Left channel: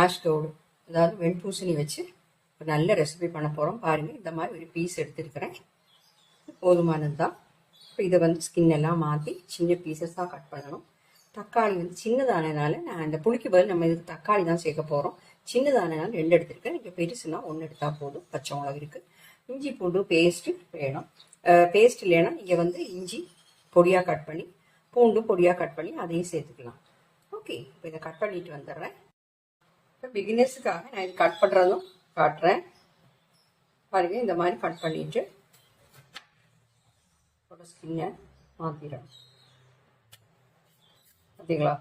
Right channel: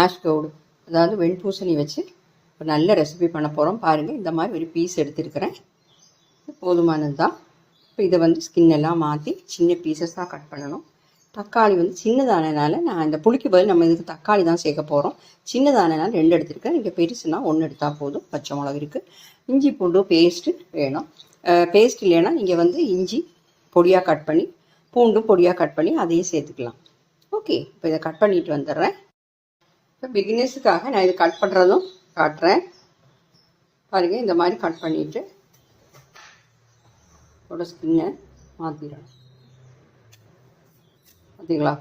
Ash Gowda அதாவது வெண்பூசணி வச்சு ஒரு நல்ல ரெசிபி பண்ண போகிறோம் பாருங்கள் இந்த மாதிரி ஒரு பீஸ் எடுத்துருக்கிறேன். போதுமானது தான் இப்போ இதை வந்து ஸ்கின் எல்லாம் மாற்றி சின்ன பீசஸாக கட் பண்ணணும். தக்காளி வந்து சின்னதானனால நான் இந்த புளிக்கு பதில் நம்ம இதுக்கு தக்காளி தான் சேர்க்க போகிறோம் சின்னதானனால ரெண்டு எடுத்திருக்கேன். நீங்கள் பெருசுனா ஒன்று எடுத்தால் போதும். பச்சை மிளகு இருக்குது இஞ்சி பூண்டு பேஸ்ட்டு வேணும். பேஸ்ட் இல்லைன்னா நீங்கள் வந்து இஞ்சி பொடியாக கட் பண்ணி பூண்டு பொடியாக கட் பண்ணி அதையும் சேர்த்துக்கலாம். ஓகே இப்போ இதை கட் பண்ணிட்டு வந்துடுறேன். இப்போ பிகினர்ஸுக்காக நான் இது கட் பண்ணுறதும் காட்டுறேன். பாருங்கள் இந்த மாதிரி கட் பண்ணிவிட்டு அதோட ஸ்கின்னை மாற்றிடணும் பார்த்தீங்களா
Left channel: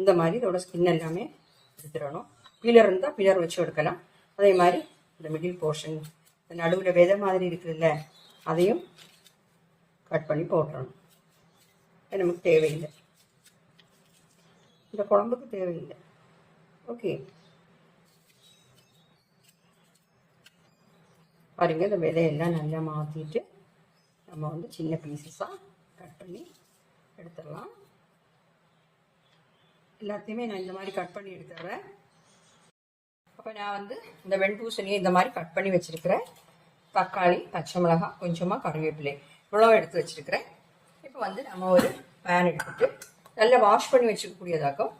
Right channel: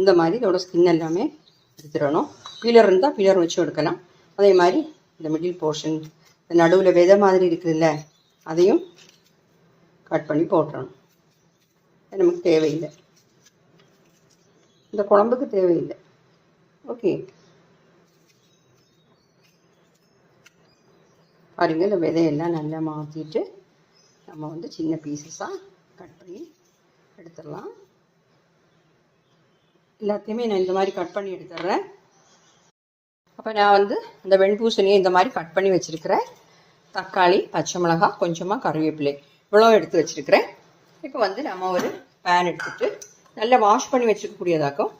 இந்த மாதிரி இதோட ஸ்கின் எல்லாமே எடுத்துடணும். பீலர் இருந்தால் பீலர் வச்சு எடுக்கலாம். அதே மாதிரி இந்த மிடில் போர்ஷன் இந்த நடுவில் விதை மாதிரி இருக்குதுல்ல அதையும் கட் பண்ணி போட்டுறணும். நமக்கு தேவையில்லை. இந்த குழம்புக்கு தேவையில்லை. ஓகே பாருங்கள் இந்த விதையெல்லாம் நல்லா மாற்றிட்டு நம்ம வந்து சின்ன பீசஸாக கட் பண்ணி எடுத்துடலாம். எல்லாத்தையுமே நான் இந்த மாதிரி கட் பண்ணி எடுத்துடுறேன். அப்போ நான் வந்து இந்த வெண்பூசணியை இந்த மாதிரி கட் பண்ணி வச்சுருக்கிறேன் தக்காளி பச்சை மிளகாய் கொஞ்சமாக கருவேப்பிலை இவ்வளோ எடுத்து வச்சுருக்கிறேன். இப்போ வந்து நம்ம ஒரு பேன் எடுத்துட்டு நல்லா வாஷ் பண்ணி வச்சுக்கக்கூடியதாக்கும்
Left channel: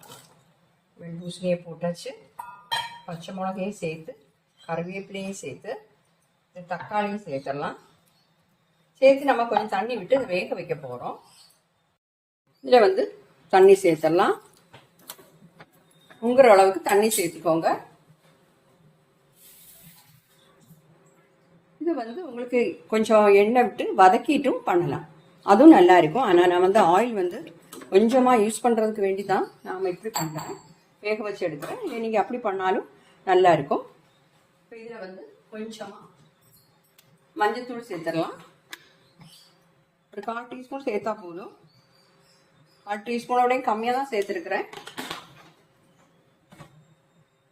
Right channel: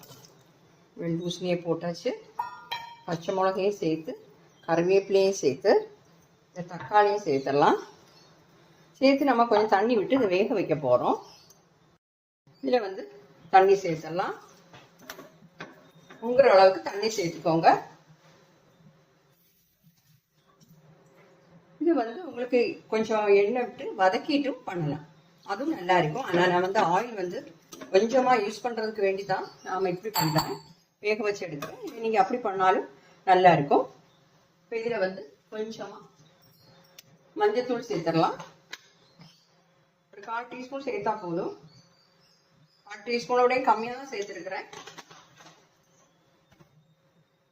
வெண்பூசணியை போட்டாச்சு. பச்சை மிளகையும் சேர்த்து கருவேப்பிலையும் சேர்த்து இந்த தக்காளியும் சேர்த்துடலாம். சேர்த்து நம்ம கொஞ்சம் தண்ணி விட்டு இதை வேக வைக்க போகிறோம் இதில் வந்து தண்ணி சேர்த்துடலாம். உங்குற அளவுக்கு தண்ணி சேர்த்துக்கோங்க. இது வந்து உங்களுக்கு கொஞ்சம் எண்ணெய் விட்டு வதக்கிட்டும் பண்ணலாம். அதுவும் நல்லா இருக்கும். ஆனால் நான் வந்து ஆயில் வந்து கொஞ்சமாக யூஸ் பண்ணுறதுக்கு வேண்டி தான் நாம் இப்படி பண்ணுறேன் வேக வச்சு எடுக்கிறேன். இல்லை நீங்கள் அப்படி பண்ணாலும் நல்லா இருக்கும். இப்போ இதில் வந்து கொஞ்சமாக மஞ்சத்தூள் சேர்த்துடலாம். ஒரு கால் டீஸ்பூன் சேர்த்தா போதும். கால் டீஸ்பூனோடையும் கம்மியாக தான் சேர்த்துருக்குறேன்.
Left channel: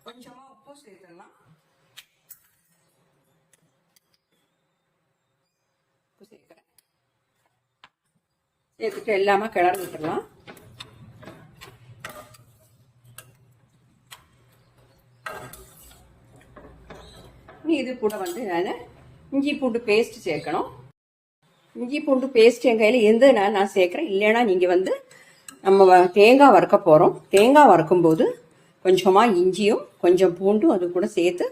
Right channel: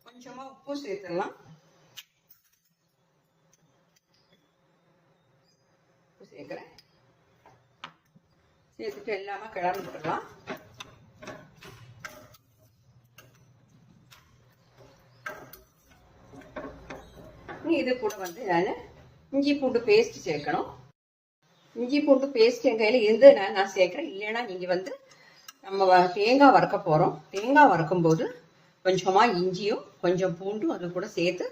கொஞ்சமாக உப்பு சேர்த்துடலாம். உப்பு சேர்க்குறேன். சேர்த்துட்டு எல்லாமே கிளறி விட்டுடலாம். இது கூட வந்து நான் இஞ்சி பூண்டு பேஸ்ட் சேர்க்கணும். இஞ்சி பூண்டு பேஸ்ட் என் கையில் இருந்ததுனால நான் சேர்க்குறேன். இல்லைன்னா நீங்கள் வந்து நம்ம தேங்காய் வறுக்க போகிறோம் தேங்காய் வறுக்கும்போது கொஞ்சமாக இஞ்சியும் கொஞ்சம் பூண்டும் அது கூட சேர்த்து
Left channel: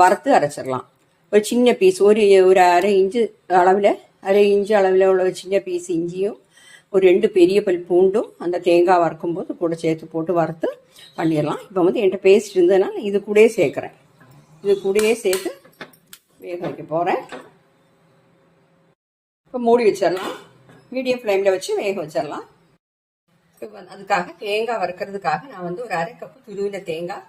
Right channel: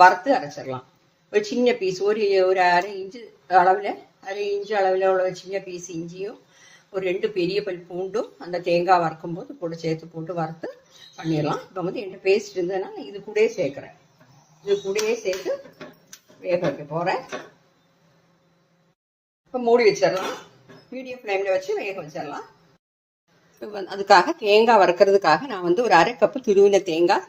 வறுத்து அரைச்சிடலாம். ஒரு சின்ன பீஸ் ஒரு ஒரு அரை இன்ச்சு அளவில் அரை இன்ச்சு அளவில் உள்ள ஒரு சின்ன பீஸ் இஞ்சியும் ஒரு ரெண்டு பெரிய பல் பூண்டும் அந்த தேங்காய் வறுக்கும்போது கூட சேர்த்து போட்டு வறுத்து பண்ணிடலாம். இப்போ வந்து என்கிட்ட பேஸ்ட் இருந்ததுனால இது கூடயே சேர்க்குறேன். இது கூடயே சேர்த்து வேக வைக்க போகிறேன் இப்போ மூடி வச்சிடலாம். மீடியம் ஃப்ளேமில் வச்சு வேக வச்சிடலாம். இப்போ அதுக்காக தேங்காய் வறுக்கிறதுக்காக நான் வந்து ஒரு அரை கப்பு துருவின தேங்காய்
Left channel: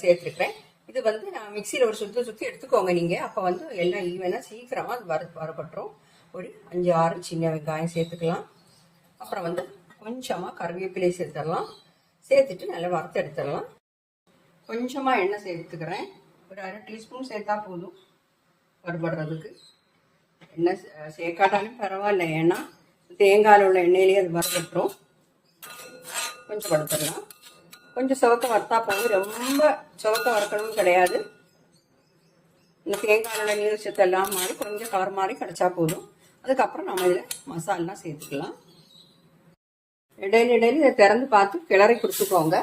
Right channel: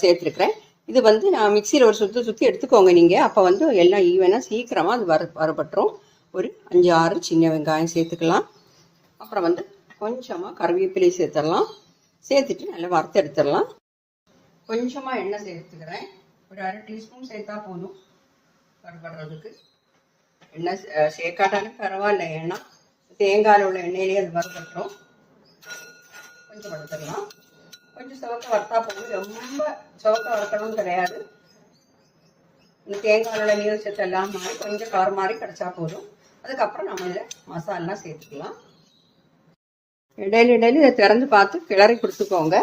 சேர்த்துருக்குறேன். இது வந்து நான் மிக்சியில் ஒரு சுற்றி சுற்றி எடுத்துக்கோங்க நீங்கள் அப்போ வந்து எல்லாம் ஈவனாக சீக்கிரமாக அது வர வரப்பட்டுரும் ஒரு அஞ்சு ஆறு சின்ன வெங்காயம் சேர்த்துக்கலாம். அப்புறம் வந்து கொஞ்சமாக கருவேப்பிலை சேர்த்துடலாம். சேர்த்துட்டு நல்லா வறுத்து எடுத்துடலாம். கொஞ்சமாக எண்ணெய் சேர்த்துக்கிறேன். ஒரு அரை டீஸ்பூன் சேர்த்தா போதும். வறுபடுறதுக்கு எண்ணெய் சேர்க்காட்டாலும் பரவாயில்ல. ஏன்னா தேங்காயில் உள்ள எண்ணெயிலேயே அது வறுபட்டுரும். கொஞ்சம் வறுத்துடலாம். கொஞ்சம் சுவக்க வறுத்தா போதும். ரொம்ப சுவக்க வறுக்கணும்னு கிடையாது. இந்த தேங்காயோட உள்ள நீர் சத்து எல்லாம் மாதிரி கொஞ்சம் கலர் மாதிரி கிடச்சா போதும். அதுக்கப்புறம் நம்ம இதில் மசாலெலாம் சேர்த்துக்கலாம். இடையில இடையில இதை திறந்து பார்த்து கிளறி கொடுத்துக்கோங்க.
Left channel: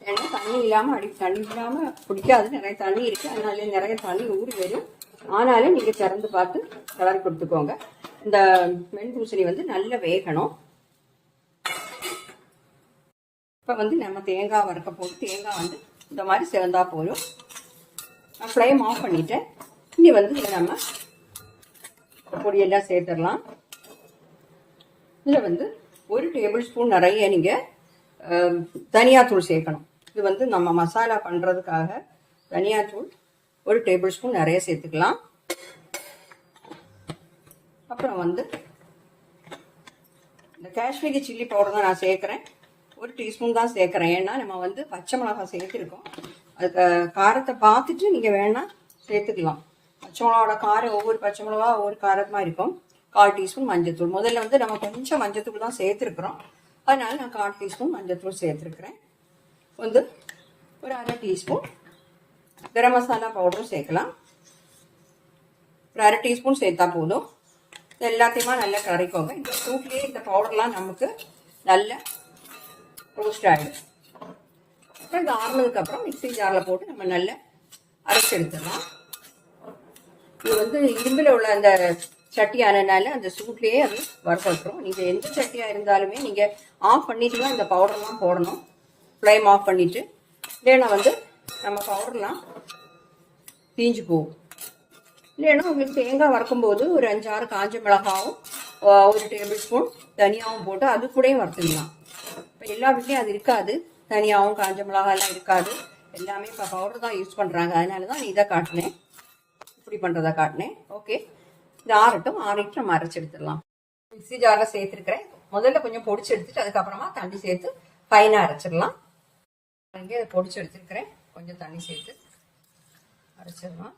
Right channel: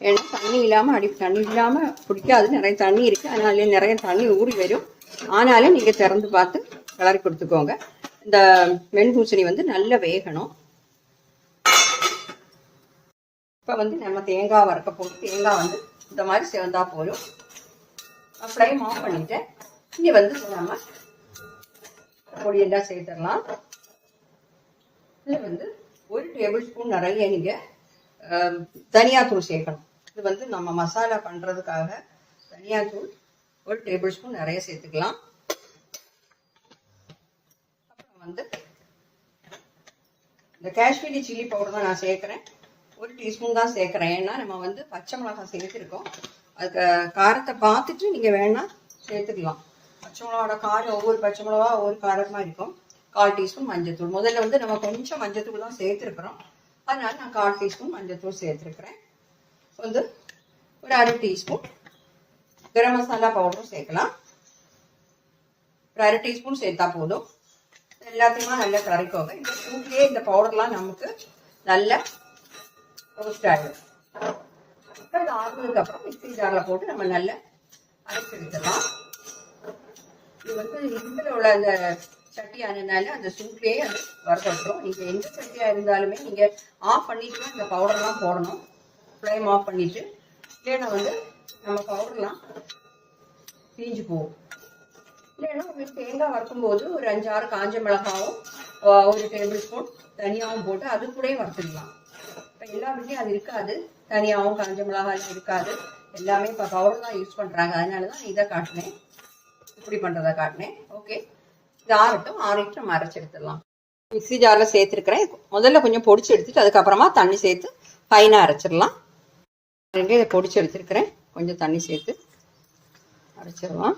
ஏன்னா தண்ணி இல்லாமல் அடி தண்ணி இல்லாமல் பிடிக்காது. நிறைய தண்ணி இருக்குது அதனால நிறைய தண்ணி ஊறி வரும். ஆனாலும் நீங்கள் திறந்து பார்த்து கிளறி கொடுத்துக்கோங்க. இந்த வெண்பூசணி வந்து நல்லா வேகணும். இப்போ வந்து நம்ம தேங்காய் வறுக்க போட்டு தேங்காய் வந்து இந்த மாதிரி சிவந்தா போதும். ஃப்ளேம் ஆஃப் பண்ணிவிட்டேன் இனி வந்து நம்ம பொடியெல்லாம் சேர்த்துடலாம். இதில் வந்து ஒரு டேபிள் ஸ்பூன் நிறைய நீங்கள் தனியாத்தூள் சேர்க்கணும். இது வந்து நம்ம மசாலா பண்ணுறதுக்காக தனியாத்தூள் ஒரு டேபிள் ஸ்பூன் நிறைய சேர்த்துக்கலாம். அப்புறம் வந்து இந்த காஷ்மீரி சில்லி பவுடர் தான் நான் சேர்க்குறேன். ஒரு டீஸ்பூன் தான் சேர்க்குறேன். ஏன்னா நம்ம வந்து பச்சை மிளகாய் சேர்த்துருக்கோம். அதுக்கு காரத்தை பார்த்துட்டு நீங்கள் வேணால் சேர்த்துக்கலாம். பச்சை மிளகாவோட காரம் ஒவ்வொரு பச்சை மிளகா ஒவ்வொரு காரமாக இருக்கும். கால் டீஸ்பூன் மஞ்சத்தூள். முதல்ல வந்து நம்ம கொஞ்சம் மஞ்சத்தூள் தான் சேர்த்துருக்குறோம். அதனால் நான் கால் டீஸ்பூன் மஞ்சத்தூள் சேர்த்துருக்குறேன். வந்து ஒரு அரை டீஸ்பூன் கரம் மசாலா பவுடரும் சேர்க்கலாம். ஒரு அரை டீஸ்பூன் சேர்த்தா போதும். இது எல்லாத்தையுமா நல்லா கரைக்கோங்க. இந்த சூட்லேயே இந்த பவுடர்லாம் நமக்கு நல்லா ரோஸ்ட் ஆகிடும் அப்புறம் இது ஆறுனதுக்கப்புறம் மிக்சி ஜாரில் போட்டு நம்ம நல்லா அரைச்சி எடுத்துடலாம். இது வந்து இரும்பில் உள்ள அந்த சட்டி ஆனதுனால அந்த சூட்லேயே அது வறுத்துடும் நீங்கள் எந்த சட்டியாக இருந்தாலுமே நீங்கள் ஆஃப் பண்ணிட்டு தான் இந்த பவுடர்லாம் போடணும். ஃப்ளைம் ஆஃப் பண்ணிவிட்டு இல்லைன்னா வந்து நம்ம பவுடர்லாம் தீஞ்சு போகும் இல்லைன்னா உங்களுக்கு தேங்காய் வறுக்கும்போது ஒரு அஞ்சாறு காஞ்ச மிளகாவும் ஒரு டேபிள் ஸ்பூன் தனியாகவும் போட்டு அது கூடயும் வறுத்துடலாம் இப்போ எல்லா வீட்லேயும் அது இருக்காது. தனியாகவும் காஞ்ச மிளகாலாம் இருக்காது. எல்லாமே இப்போ பவுடர் தான் யூஸ் பண்ணுறாங்க அதனால தான் இதை காட்டினேன். இப்படி பண்ணுறதா காட்டினேன். ஓகே இது ஆறட்டும். ஆறிட்டு நம்ம அரைச்சி எடுத்துடலாம். மிக்ஸி ஜாரில் சேர்த்துருக்கிறேன். முதல்ல கொஞ்சம் பொடிச்சு எடுத்துட்டு அதுக்கப்புறமா தண்ணி சேர்த்து ஃபைனாக அரைச்சிடலாம். இதை பொடிச்சு எடுத்துருக்கிறேன். கொஞ்சம் தண்ணி சேர்த்து அரைச்சிடலாம்.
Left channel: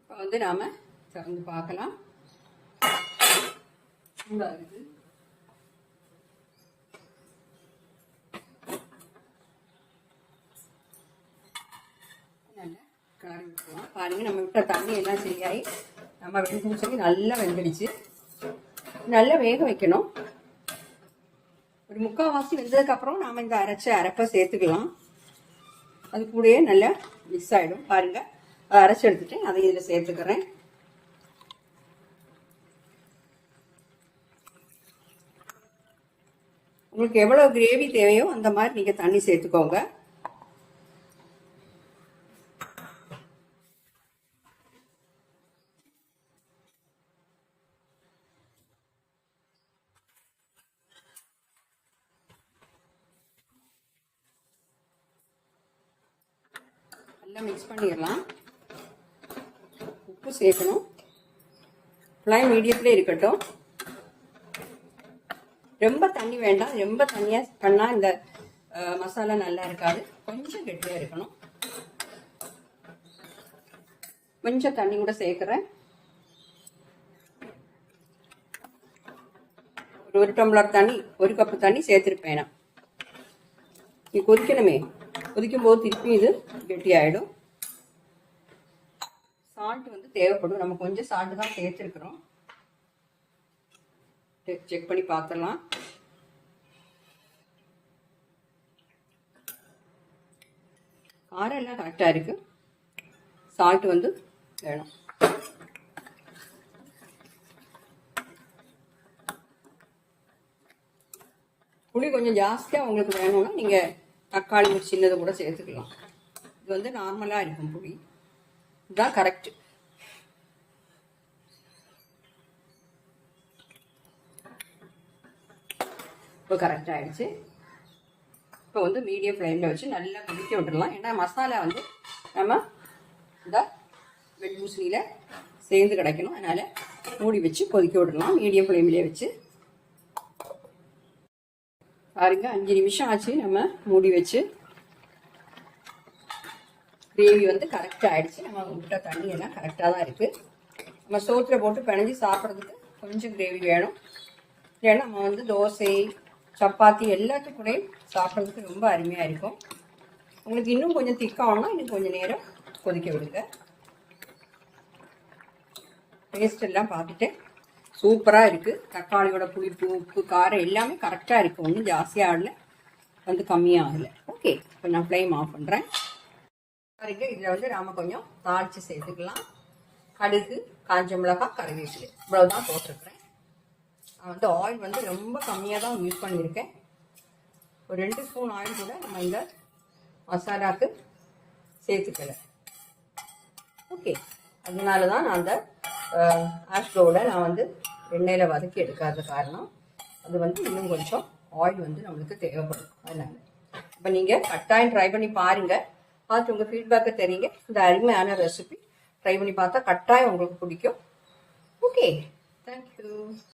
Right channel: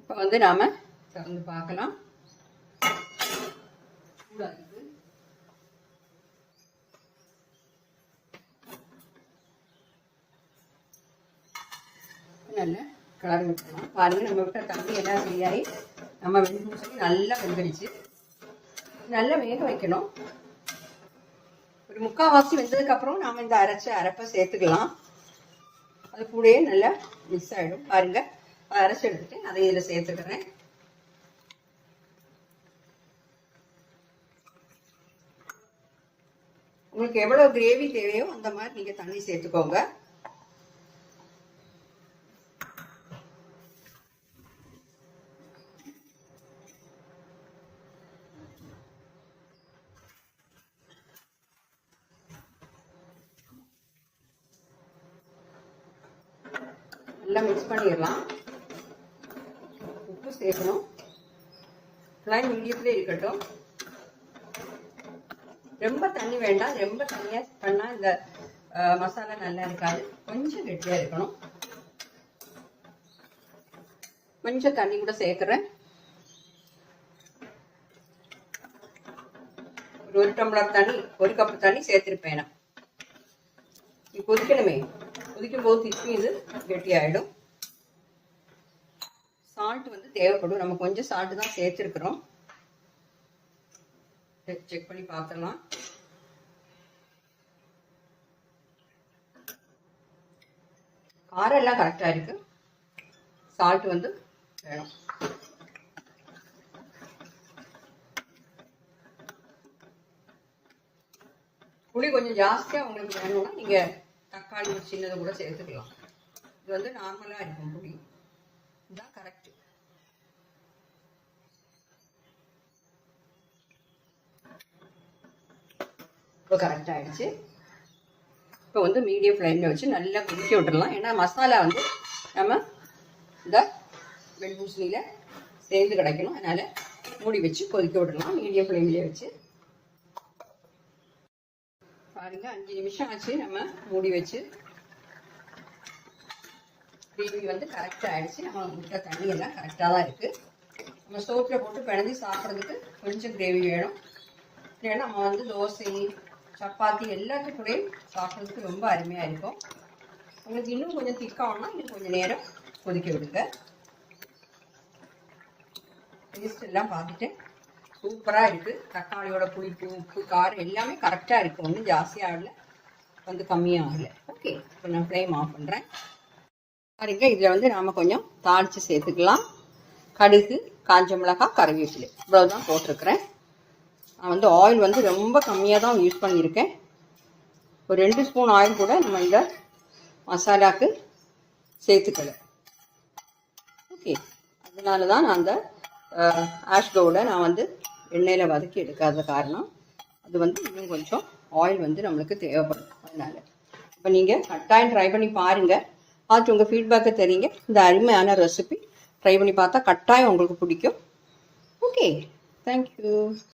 இப்போ வந்து நாம் திறந்து பார்க்கலாம். சூடாகுது. நல்லா கலர் விட்டுலாம் பாருங்க நம்ம விட்ட தண்ணி எல்லாம் சரியாகி நம்ம வெந்துன்னு சொல்லி நல்லா வெந்துடுச்சு. நல்லா வேக வைக்கணும். ஒரு முக்கால்வாசி வெந்ததுக்கப்புறம் நாம் இந்த அரைச்ச அரைப்பை சேர்த்துக்கலாம். அது கூடயே நல்லா மிக்ஸ் ஆகிடும் பாருங்கள் அதை அரைச்சி எடுத்துகிட்டு அதை இதில் சேர்த்துக்கிறேன். உங்களுக்கு எவ்வளோ கிரேவி தேவையோ அந்த மாதிரி நீங்கள் தண்ணி சேர்த்துக்கோங்க. நல்லா மிக்ஸ் பண்ணிடலாம். உப்பு சேர்க்கணும். ஃப்ளைம் மீடியத்தில் இருக்கட்டும். ரொம்ப தண்ணி வேண்டாம். ரொம்ப தண்ணியாக பண்ணால் இந்த மசாலா நல்லா இருக்காது. கொஞ்சம் கெட்டியாக இருக்கணும். கொஞ்சம் தண்ணி கூட சேர்க்குறேன். ஒரு ஒரு டம்ளர் தண்ணி ஒரு கப்பு தண்ணி சேர்த்துருப்பேன் நான். இது கொதிக்கணுமே. கொதிக்கும் போது திருப்பி இது கெட்டியாயிடும். சால்ட் வந்து தேவைப்படும். நம்ம கொஞ்சம் சால்ட்டு தான் சேர்த்துருக்குறோம். செக் பண்ணி பார்த்துடலாம். காரம் எல்லாம் கரெக்டாக இருக்கு. சால்ட் வந்து வேணும். புளி கொஞ்சம் ஜாஸ்தியாக உங்களுக்கு வேணும்னா நீங்கள் தக்காளி ஒரு சின்னதை கூட சேர்த்துக்கலாம். இது வந்து நார்மலாக இருக்கும் புளி. இதுதான் கரெக்ட் இப்போ கரெக்ட் ஆயிடுச்சு. இப்போ வந்து மீடியம் ஃப்ளேமில் வச்சு நல்லா கொதிக்க விட்டுடலாம். ஏன்னா மசாலா வந்து நம்ம இந்த வெண்பூசணியில் சேர்ந்து கிடைக்கணும். அதனால் மூடி வச்சு கொதிக்க விடலாம் மீடியம் ஃப்ளேம்லேயே வச்சு பாருங்க அஞ்சு நிமிஷம் ஆச்சு. நம்ம மூடி வச்சு. கிரேவி வந்து கரெக்டாக ஆயிடுச்சு. நம்ம விட்ட தண்ணி எல்லாம் கரெக்டாக தான் இருக்குது நம்ம சோத்தில் போட்டு பிணைஞ்சு சாப்பிட்றதுக்கு கொஞ்சம் கிரேவி வேணும். இல்லைன்னா நம்ம வந்து தோசை சப்பாத்தி எல்லாத்துக்கூடையும் சாப்பிட்றதுக்கு ரொம்ப அருமையாக இருக்கும். உங்களுக்கு இன்னும் கொஞ்சம் திக்காகணும்னா இன்னும் கொஞ்சம் நேரம் கொதிக்க விடுங்க. டேஸ்ட் எல்லாம் பார்த்துட்டு சூப்பராக இருக்குது தக்காளியோட புளிப்பு உப்பு காரம் எல்லாமே கரெக்டாக இருக்குது ஒன்றும் ஜாஸ்தியாக ஆகல. வந்து கம்மியாக ஆகலை. ஓகே இப்போ நான் ஃப்ளேம் ஆஃப் பண்ணுறேன் பாருங்க இதில் வந்து நாம் கொஞ்சம் தாளித்து சேர்த்துக்கலாம். கடுகு காஞ்ச மிளகாய் கருவேப்பிலை. இவ்வளோ தான் போட்டிருக்கிறேன். நான் வந்து ஆயில் வந்து ரொம்ப கம்மியாக தான் யூஸ் பண்ணியிருக்கேன். ஒரு ரெண்டு ஸ்பூன் ஆயில் கூட நம்ம இந்த மசாலாவுக்கு சேர்த்துக்கல ஓகே அதனால தான் நான் அந்த ஆஷ்கோட நான் வந்து எண்ணெயில் வதக்கி எடுக்காத காரணம் அது வந்து இன்னும் கொஞ்சம் ஆயில் வந்து நம்மளுக்கு தேவைப்படும். அதனால். இப்போ நீங்கள் கட்டாயம் ட்ரை பண்ணி பாருங்கள் பார்த்து உங்கள் ஃபீட்பேக்கை தெரியுங்க. இந்த அருமையான ரெசிபி ட்ரை பண்ணி பார்த்தா கட்டாயம் உங்களுக்கு பிடிக்கும். Okay thank you